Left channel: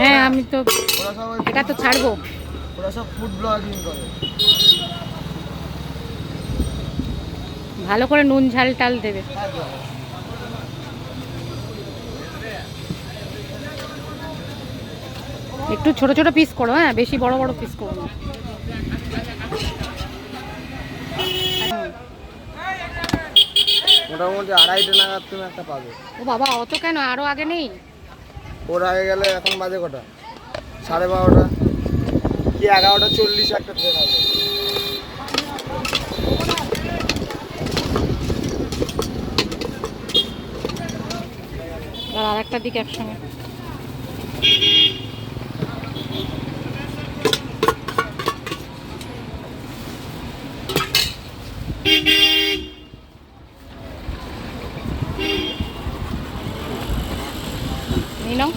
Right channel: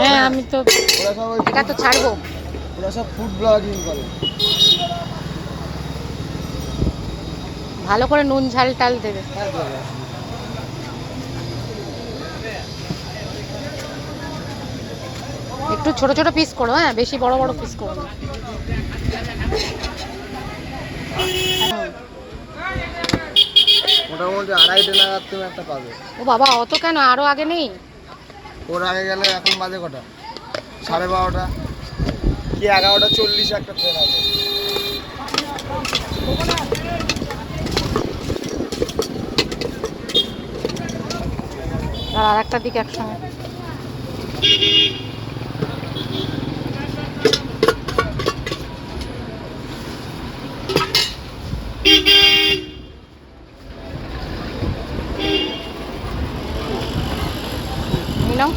হ্যাঁ আমি তো এটা তো ছাড়বো। ওরা সব ফুড ব্লগিং করে। ভালো করে নুন ঝাল টাল দেবে। একটু ছোট ছোট পিস করো, হ্যাঁ বেশি বড় বড় পিস করো না। মোটামুটি 2:30 নাগাদ তুমি একটা পাবে। ও বাবা অত কেন, আরো আগে নেই? ওর আগে গেলে এখন বাজে কটা? 12:30 কি 11:40 একটা ট্রেন আছে। আর একটার দিকে একসঙ্গে। নিয়ে নাও।